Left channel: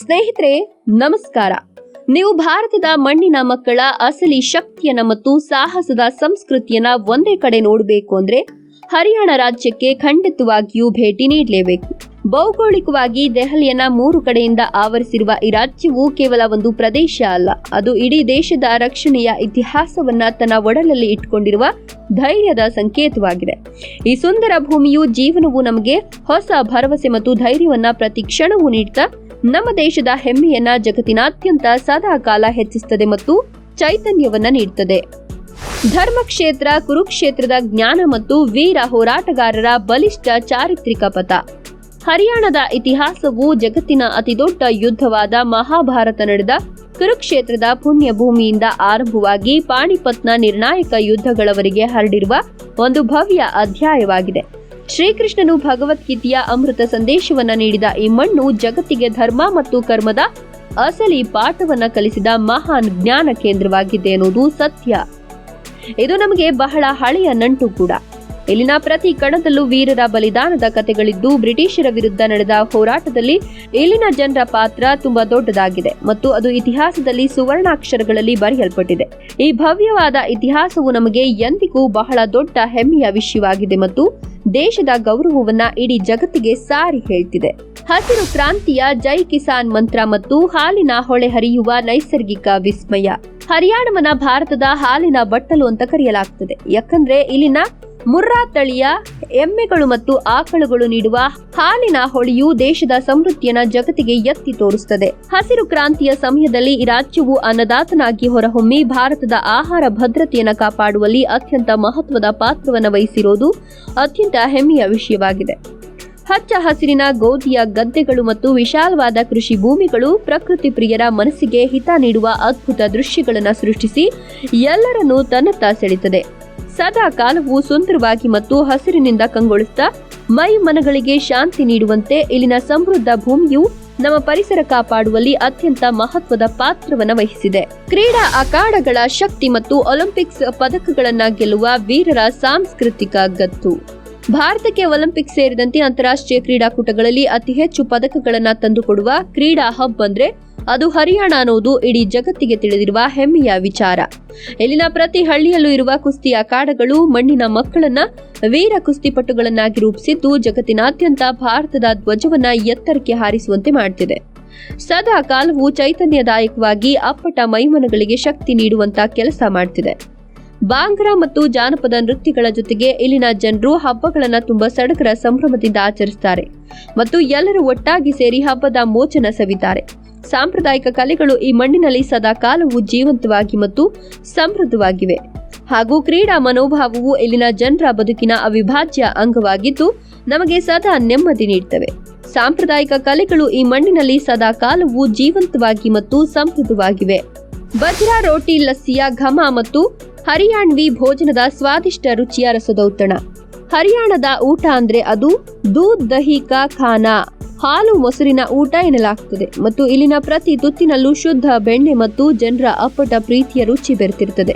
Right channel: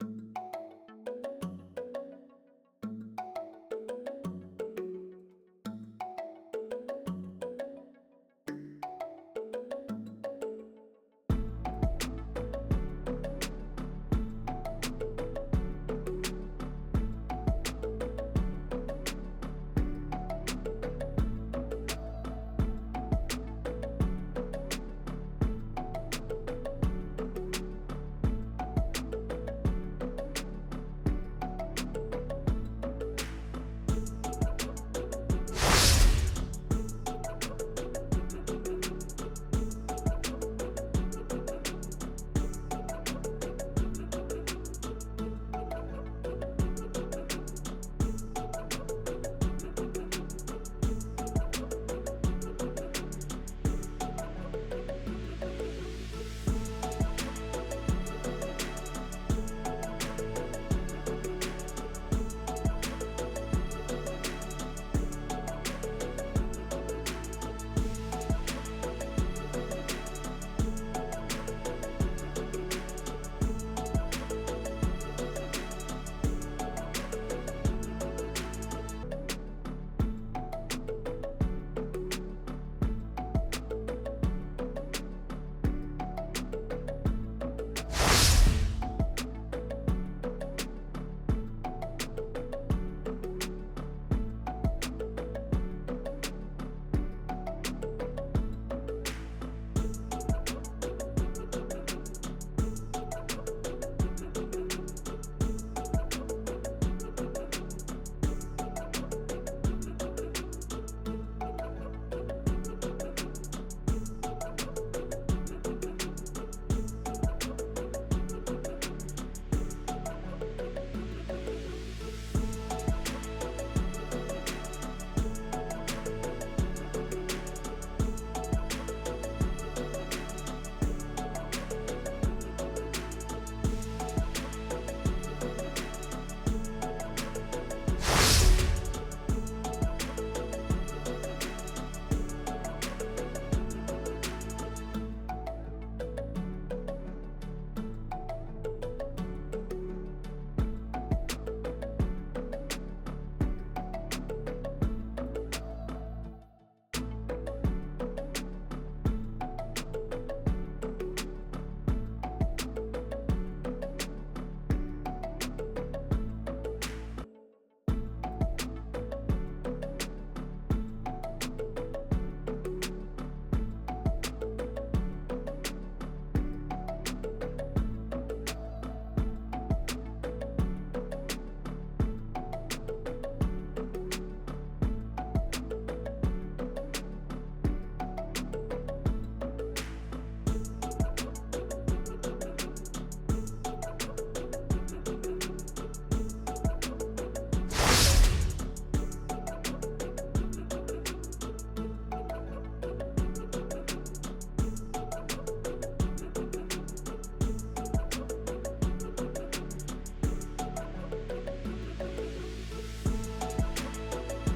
ಸ್ನೇಹಿತರೆ ನಮಸ್ಕಾರ. ನೀವು ಭಾರತದ ಮಣ್ಣಿನ ಮಕ್ಕಳ ಅಸಲಿ ಶಕ್ತಿಯನ್ನ ಮತ್ತು ಸಾಹಸದ ಸಂಸ್ಕೃತಿಯನ್ನ ಒಂದೇ ಕಡೆ ನೋಡಬೇಕು ಅಂದ್ರೆ ಹರಿಯಾಣ ರಾಜ್ಯಕ್ಕೆ ಖಂಡಿತವಾಗಿಯೂ ಭೇಟಿ ನೀಡಲೇಬೇಕು. ಭೌಗೋಳಿಕವಾಗಿ ದೆಹಲಿಯನ್ನ 3 ಕಡೆಯಿಂದ ಆವರಿಸಿರುವ ಈ ರಾಜ್ಯವು ಕೇವಲ ಒಂದು ಪ್ರದೇಶ ಅಲ್ಲ, ಅದು ಇಡೀ ದೇಶದ ರಕ್ಷಣೆಯ ಇತಿಹಾಸವನ್ನ ತನ್ನ ಒಡಲಲ್ಲಿ ಇಟ್ಟುಕೊಂಡಿರುವ ಧೈರ್ಯದ ಸಂಕೇತವಾಗಿದೆ. ಈ ಸುಂದರ ಭೂಮಿಯು ಜೀವನವು ನಮಗೆ ಹೊಸ ಭರವಸೆ ಮತ್ತು ಧೈರ್ಯವನ್ನ ಪ್ರತಿ ಕ್ಷಣವೂ ನೀಡುತ್ತಾ ನಮ್ಮ ದೇಶದ ಹೆಮ್ಮೆಯನ್ನ ಜಗತ್ತಿನಾದ್ಯಂತ ಸದಾ ಕಾಲ ಹೆಚ್ಚಿಸುತ್ತದೆ ಮತ್ತು ಚೈತನ್ಯವನ್ನ ನೀಡುತ್ತದೆ. ಧರ್ಮಕ್ಷೇತ್ರ ಕುರುಕ್ಷೇತ್ರದ ಜ್ಞಾನ ಮತ್ತು ವೀರ ಹೋರಾಟಗಾರರ ಬಲಿಷ್ಠ ಚಾರಿತ್ರಿಕ ಪಥ. ಹರಿಯಾಣದ ಇತಿಹಾಸವು ಜಗತ್ತಿನ ಅತಿದೊಡ್ಡ ಯುದ್ಧವಾದ ಮಹಾಭಾರತ ನಡೆದ ಕುರುಕ್ಷೇತ್ರದ ಪುಣ್ಯ ಭೂಮಿಯಿಂದ ಆರಂಭವಾಗಿ ಪಾಣಿಪತ್ನ ನಿರ್ಣಾಯಕ ಯುದ್ಧಗಳವರೆಗೆ ಹರಡಿರುವ ಒಂದು ಭವ್ಯ ಅಧ್ಯಾಯವಾಗಿದೆ. ಶ್ರೀಕೃಷ್ಣನು ಭಗವದ್ಗೀತೆಯ ಅಮೃತ ಸಂದೇಶವನ್ನ ನೀಡಿದ ಈ ಮಣ್ಣು ಜಗತ್ತಿಗೆ ಧರ್ಮ ಮತ್ತು ಕರ್ಮದ ಅಸಲಿ ಪಾಠವನ್ನ ಕಲಿಸಿದ ಮಹಾನ್ ಜ್ಞಾನ ಕೇಂದ್ರವಾಗಿದೆ ಎನ್ನುವುದು ಸತ್ಯ. ಇದು ನಮಗೆ ಬಹಳ ಹಳೆಯ ನಂಟು ಕೂಡ. ಇಲ್ಲಿನ ಪ್ರತಿ ಕಣದಲ್ಲೂ ವೀರರ ಬಲಿದಾನದ ಕಥೆಗಳಿದ್ದು, ಬ್ರಿಟಿಷರ ವಿರುದ್ಧ ನಡೆದ ಹೋರಾಟದಲ್ಲಿ ಇಲ್ಲಿನ ಜನರ ಪಾತ್ರ ತುಂಬಾ ದೊಡ್ಡದಾಗಿದೆ ಮತ್ತು ಅದು ಇತಿಹಾಸದಲ್ಲಿ ಸುವರ್ಣಾಕ್ಷರಗಳಲ್ಲಿ ಬರೆಯಲ್ಪಟ್ಟಿದೆ. ಈ ಭವ್ಯವಾದ ಇತಿಹಾಸವು ನಮಗೆ ಎಂದಿಗೂ ಬಹಳ ದೊಡ್ಡ ಹೆಮ್ಮೆಯ ವಿಷಯವಾಗಿದೆ ಮತ್ತು ದೇಶದ ಗೌರವವನ್ನ ಇಡೀ ಜಗತ್ತಿಗೆ ಸಾರಿ ಹೇಳ್ತಿದೆ. ಹಸಿರು ಕ್ರಾಂತಿಯ ಜೈ ಕಿಸಾನ್ ಮಂತ್ರ ಮತ್ತು ಹಾಲಿನ ಹೊಳೆ ಹರಿಯುವ ನೈಸರ್ಗಿಕ ವಿಸ್ಮಯ. ಹರಿಯಾಣವನ್ನ ಭಾರತದ ಹಾಲಿನ ಬಟ್ಟಲು ಅಂತ ಕರೆಯಲಾಗ್ತದೆ, ಯಾಕಂದ್ರೆ ಇಲ್ಲಿನ ಮುರ್ರಾ ತಳಿಯ ಎಮ್ಮೆಗಳು ಮತ್ತು ಆಕಳುಗಳು ನೀಡುವ ಹಾಲಿನ ಹೊಳೆಯು ದೇಶದ ಸಮೃದ್ಧಿಯನ್ನ ಜಗತ್ತಿಗೆ ಎತ್ತಿ ತೋರಿಸುತ್ತದೆ. ಹಸಿರು ಕ್ರಾಂತಿಯ ಸಮಯದಲ್ಲಿ ಈ ರಾಜ್ಯವು ಅನ್ನದಾತನಾಗಿ ಹೊರಹೊಮ್ಮಿ ಭಾರತದ ಆಹಾರ ಭದ್ರತೆಯನ್ನು ಕಾಪಾಡುವಲ್ಲಿ ಅತ್ಯಂತ ಮಹತ್ವದ ಪಾತ್ರವನ್ನು ವಹಿಸಿರುವುದು ಅತ್ಯಂತ ಹೆಮ್ಮೆಯ ವಿಷಯವಾಗಿದೆ. ಹಚ್ಚ ಹಸಿರಿನ ಗೋಧಿಯ ಗದ್ದೆಗಳು ಮತ್ತು ವಿಶಾಲವಾದ ಕೃಷಿ ಭೂಮಿಗಳು ಪ್ರಕೃತಿ ಪ್ರಿಯರ ಮನಸ್ಸಿಗೆ ಹಿತ ನೀಡುವ ಅದ್ಭುತ ದೃಶ್ಯಗಳನ್ನು ಸೃಷ್ಟಿಸಿ ಎಲ್ಲರನ್ನೂ ತನ್ನತ್ತ ಸೆಳೆಯುತ್ತದೆ. ಸದಾ ಕಾಲವು ಸುಂದರವಾಗಿ ಮತ್ತು ಹಸಿರಿನಿಂದ ಕಂಗೊಳಿಸುತ್ತಾ ಮೈ ಮನಗಳಿಗೆ ಶಾಂತಿ ನೀಡುವಂತೆ ಇಲ್ಲಿನ ಸಮೃದ್ಧ ಭೂಮಿಯು ನಮ್ಮ ಪರಿಸರ ಕಾಪಾಡುವಲ್ಲಿ ಅತ್ಯಂತ ಮಹತ್ವದ ಪಾತ್ರವನ್ನು ವಹಿಸಿದೆ. ಕ್ರೀಡಾ ಅಖಾಡಗಳ ಶಕ್ತಿ ಮತ್ತು ಒಲಿಂಪಿಕ್ಸ್ ಪದಕಗಳನ್ನ ಗೆಲ್ಲುವ ವೀರರ ಸಾಂಸ್ಕೃತಿಕ ಗತ್ತು. ಭಾರತಕ್ಕೆ ಒಲಿಂಪಿಕ್ಸ್ ಸೇರಿದಂತೆ ಅಂತಾರಾಷ್ಟ್ರೀಯ ಕ್ರೀಡಾಕೂಟಗಳಲ್ಲಿ ಅತಿ ಹೆಚ್ಚು ಪದಕಗಳನ್ನ ತಂದುಕೊಡುವ ಕ್ರೀಡಾ ಹಬ್ ಅಂದ್ರೆ ಅದು ಹರಿಯಾಣ ಅನ್ನೋದು ಇಡೀ ಜಗತ್ತಿಗೆ ತಿಳಿದಿರುವ ಹೆಮ್ಮೆಯ ವಿಚಾರ. ಇಲ್ಲಿನ ಪ್ರತಿ ಹಳ್ಳಿಯಲ್ಲೂ ಇರುವ ಕುಸ್ತಿ ಅಖಾಡಗಳು ಮಣ್ಣಿನ ಮಕ್ಕಳನ್ನ ವೀರ ಕುಸ್ತಿಪಟುಗಳನ್ನಾಗಿ ರೂಪಿಸಿದ್ದು ಜಗತ್ತಿನಾದ್ಯಂತ ಭಾರತದ ಧ್ವಜವನ್ನ ಎತ್ತರಕ್ಕೆ ಹಾರಿಸುವಂತೆ ಮಾಡುತ್ತಿದೆ. ಸದಾ ಕಾಲವು ಚೈತನ್ಯದಾಯಕವಾಗಿ ಅಪ್ಪಟ ಮೈಮನಗಳಿಗೆ ಶಕ್ತಿ ನೀಡುವಂತ ಕೆಲಸ ಮಾಡುತ್ತಿದೆ. ಬಾಂಗ್ರಾ ಮತ್ತು ಜಾನಪದ ನೃತ್ಯಗಳ ಜೊತೆಗೆ ಇಲ್ಲಿನ ಜನರು ಹಬ್ಬಗಳನ್ನ ತುಂಬಾ ಸಡಗರ ಸಂಭ್ರಮದಿಂದ ಆಚರಿಸುತ್ತಾರೆ ಮತ್ತು ಎಲ್ಲರೂ ಒಟ್ಟಾಗಿ ಸೇರಿ ಹಬ್ಬದ ಮೋಚನ ಸವಿತಾರೆ. ಸಾಂಪ್ರದಾಯಿಕ ಕಲೆಗಳು ಈ ಮಣ್ಣಿನಲ್ಲಿ ಸದಾ ಕಾಲವು ಜೀವಂತವಾಗಿ ಮತ್ತು ಸಮೃದ್ಧವಾಗಿವೆ ಹಾಗೂ ಕ್ರೀಡಾ ಮನೋಭಾವವು ಇಲ್ಲಿನ ಜನರ ಬದುಕಿನ ಅವಿಭಾಜ್ಯ ಅಂಗವಾಗಿದ್ದು ನಮಗೆ ಸದಾ ನೆಮ್ಮದಿ ನೀಡುತ್ತವೆ. ಸಾಂಪ್ರದಾಯಿಕ ಕಲೆಗಳು ಈ ಮಣ್ಣಿನಲ್ಲಿ ಸದಾ ಕಾಲವು ಜೀವಂತವಾಗಿ ಮತ್ತು ಸಮೃದ್ಧವಾಗಿವೆ. ಬಜ್ರಾ ರೋಟಿ ಲಸ್ಸಿಯ ಘಮ ಮತ್ತು ಹರಿಯಾಣ್ವಿ ಭೋಜನದ ಸ್ವಾದಿಷ್ಟ ರುಚಿಯ ರಸದೌತಣ. ಹರಿಯಾಣದ ಊಟ ಅಂದ್ರೆ ಅದು ದೂದ್ ದಹಿ ಕಾ ಖಾನಾ, ಹಾಲು ಮೊಸರಿನ ಊಟ ಎನ್ನಲಾಗ್ತದೆ ಮತ್ತು ಇಲ್ಲಿನ ಪ್ರತಿ ತುತ್ತಿನಲ್ಲೂ ಶುದ್ಧ ಬೆಣ್ಣೆ ಮತ್ತು ಜನರ ಅಪ್ಪಟ ಪ್ರೀತಿಯ ರುಚಿ ಬೆರೆತಿರುತ್ತದೆ.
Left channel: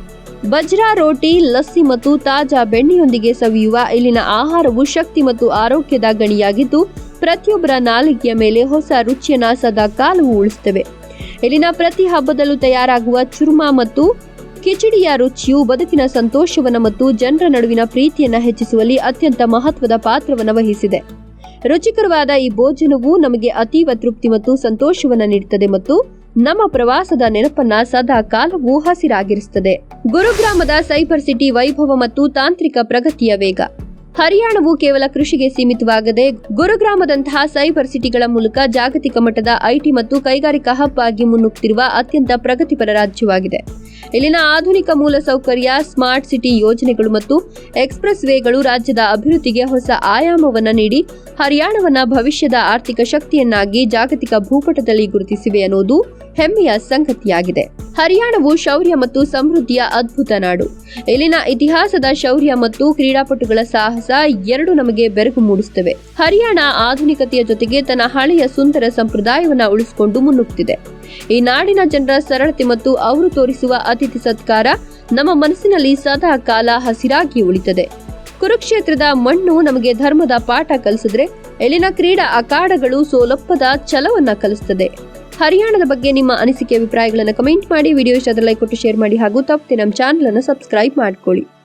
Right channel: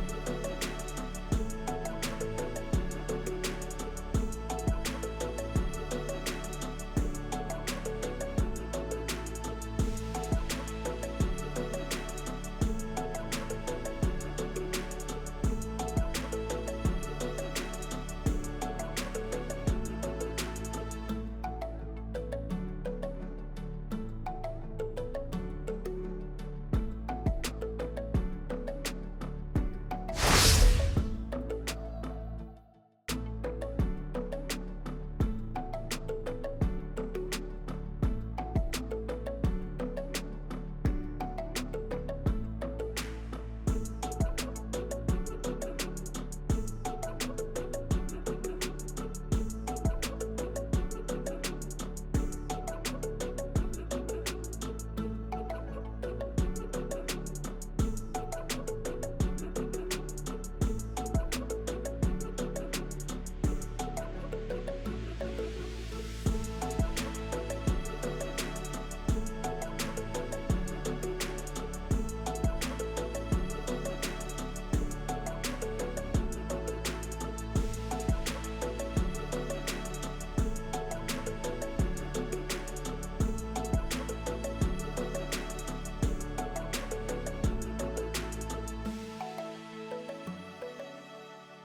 ಬಜ್ರಾ ರೋಟಿ, ಲಸ್ಸಿ ಮತ್ತು ತಾಜಾ ಬೆಣ್ಣೆಯೊಂದಿಗೆ ಸವಿಯುವ ಇಲ್ಲಿನ ಆಹಾರವು ಶಕ್ತಿ ಮತ್ತು ಆರೋಗ್ಯದ ಗಣಿಯಾಗಿದ್ದು ಪ್ರತಿಯೊಬ್ಬರ ನಾಲಿಗೆಯ ಮೇಲೆ ಹೊಸ ರುಚಿಯನ್ನ ಸದಾ ಕಾಲವು ಉಳಿಸುತ್ತವೆ. ಇಲ್ಲಿನ ಪ್ರತಿ ಹಬ್ಬದಲ್ಲೂ ತಯಾರಾಗುವ ಚುರ್ಮಾ ಮತ್ತು ಕಿಚಡಿಯ ರುಚಿಯು ಬದುಕಿನ ಸಂತೋಷವನ್ನ ಮತ್ತು ಜನರ ನಡುವಿನ ಪ್ರೀತಿಯನ್ನ ಹೆಚ್ಚಿಸುವಲ್ಲಿ ಅತ್ಯಂತ ಮಹತ್ವದ ಪಾತ್ರವನ್ನು ವಹಿಸಿದೆ. ರುಚಿಕರವಾದ ಈ ಭೋಜನವು ನಮಗೆ ಅತೀವ ತೃಪ್ತಿ ಮತ್ತು ಸಂತೋಷವನ್ನ ನೀಡುತ್ತದೆ ಮತ್ತು ನಮ್ಮ ಪ್ರವಾಸದ ನೆನಪನ್ನ ಸದಾ ಕಾಲವೂ ಹಸಿರಾಗಿರಿಸುತ್ತದೆ. ಗುರುಗ್ರಾಮದ ಸೈಬರ್ ಸಿಟಿ ವೈಭವ ಮತ್ತು ತಾಂತ್ರಿಕ ಪ್ರಗತಿಯ ವೇಗ. ಹರಿಯಾಣವು ಕೇವಲ ಕೃಷಿಗೆ ಸೀಮಿತವಾಗದೆ ಗುರುಗ್ರಾಮದಂತಹ ಸೈಬರ್ ಸಿಟಿಗಳ ಮೂಲಕ ಜಾಗತಿಕ ಮಟ್ಟದ ಐಟಿ ಮತ್ತು ಕೈಗಾರಿಕಾ ಹಬ್ ಆಗಿ ಮುನ್ನುಗ್ಗುತ್ತಿರುವ ಅತ್ಯಂತ ಪ್ರಗತಿಪರ ರಾಜ್ಯವಾಗಿದೆ. ಇಲ್ಲಿನ ಆಧುನಿಕ ಮೂಲಸೌಕರ್ಯ, ಸ್ಮಾರ್ಟ್ ಸಿಟಿ ಯೋಜನೆಗಳು ಮತ್ತು ಎಕ್ಸ್ಪ್ರೆಸ್ ವೇಗಳು ರಾಜ್ಯದ ಅಭಿವೃದ್ಧಿಗೆ ಹೊಸ ಆಯಾಮವನ್ನ ನೀಡಿ ಹರಿಯಾಣವನ್ನ ಭವಿಷ್ಯದ ಆರ್ಥಿಕ ಶಕ್ತಿಯನ್ನಾಗಿ ಜಾಗತಿಕ ಭೂಪಟದಲ್ಲಿ ಗುರುತಿಸಿವೆ ಅನ್ನೋದು ಹೆಮ್ಮೆಯ ಸಂಗತಿಯಾಗಿದೆ. ಹರಿಯಾಣವು ಶೌರ್ಯ ಮತ್ತು ಸಮೃದ್ಧಿಯ ಅದ್ಭುತ ನಾಡು. ಇಲ್ಲಿನ ಇತಿಹಾಸದ ಶೌರ್ಯ ಮತ್ತು ಕ್ರೀಡಾಪಟುಗಳ ಸಾಹಸ ಎರಡು ನಮಗೆ ಬೆರಗು ಮೂಡಿಸುತ್ತವೆ. ಹರಿಯಾಣ ಆಧುನಿಕತೆಯ ಜೊತೆಗೆ ತನ್ನ ಹಳೆಯ ಸುಂದರ ಸಂಪ್ರದಾಯವನ್ನ ಉಳಿಸಿಕೊಂಡು ಮುನ್ನುಗ್ಗುತ್ತಿದೆ. ಈ ನಾಡಿನ ಜನರ ಸರಳತೆ ಮತ್ತು ಅವರು ತೋರಿಸುವ ಅತಿಥಿ ಸತ್ಕಾರ ನಮ್ಮ ಮನಸ್ಸಿನಲ್ಲಿ ಸದಾ ಕಾಲ ಹಸಿರಾಗಿ ಉಳಿತದೆ. ಕುರುಕ್ಷೇತ್ರದ ಮಣ್ಣು ನಮಗೆ ಧರ್ಮದ ಪಾಠ ಕಲಿಸಿದ್ರೆ ಇಲ್ಲಿನ ಕ್ರೀಡಾ ಅಖಾಡಗಳು ಸೋಲೊಪ್ಪದ ಛಲವನ್ನ ಕಲಿಸುತ್ತದೆ. ಹರಿಯಾಣದ ಬಗ್ಗೆ ನಿಮ್ಮ ಅನಿಸಿಕೆ ಅಭಿಪ್ರಾಯಗಳನ್ನು ಕಮೆಂಟ್ ಮಾಡಿ, ವಿಡಿಯೋ ಇಷ್ಟ ಆದರೆ ಲೈಕ್ ಕೊಟ್ಟು ಶೇರ್ ಮಾಡಿ ಹಾಗೂ ತಪ್ಪದೆ ನಮ್ಮ ಚಾನಲ್ ಅನ್ನು ಸಬ್ಸ್ಕ್ರೈಬ್ ಮಾಡ್ಕೊಳ್ಳಿ.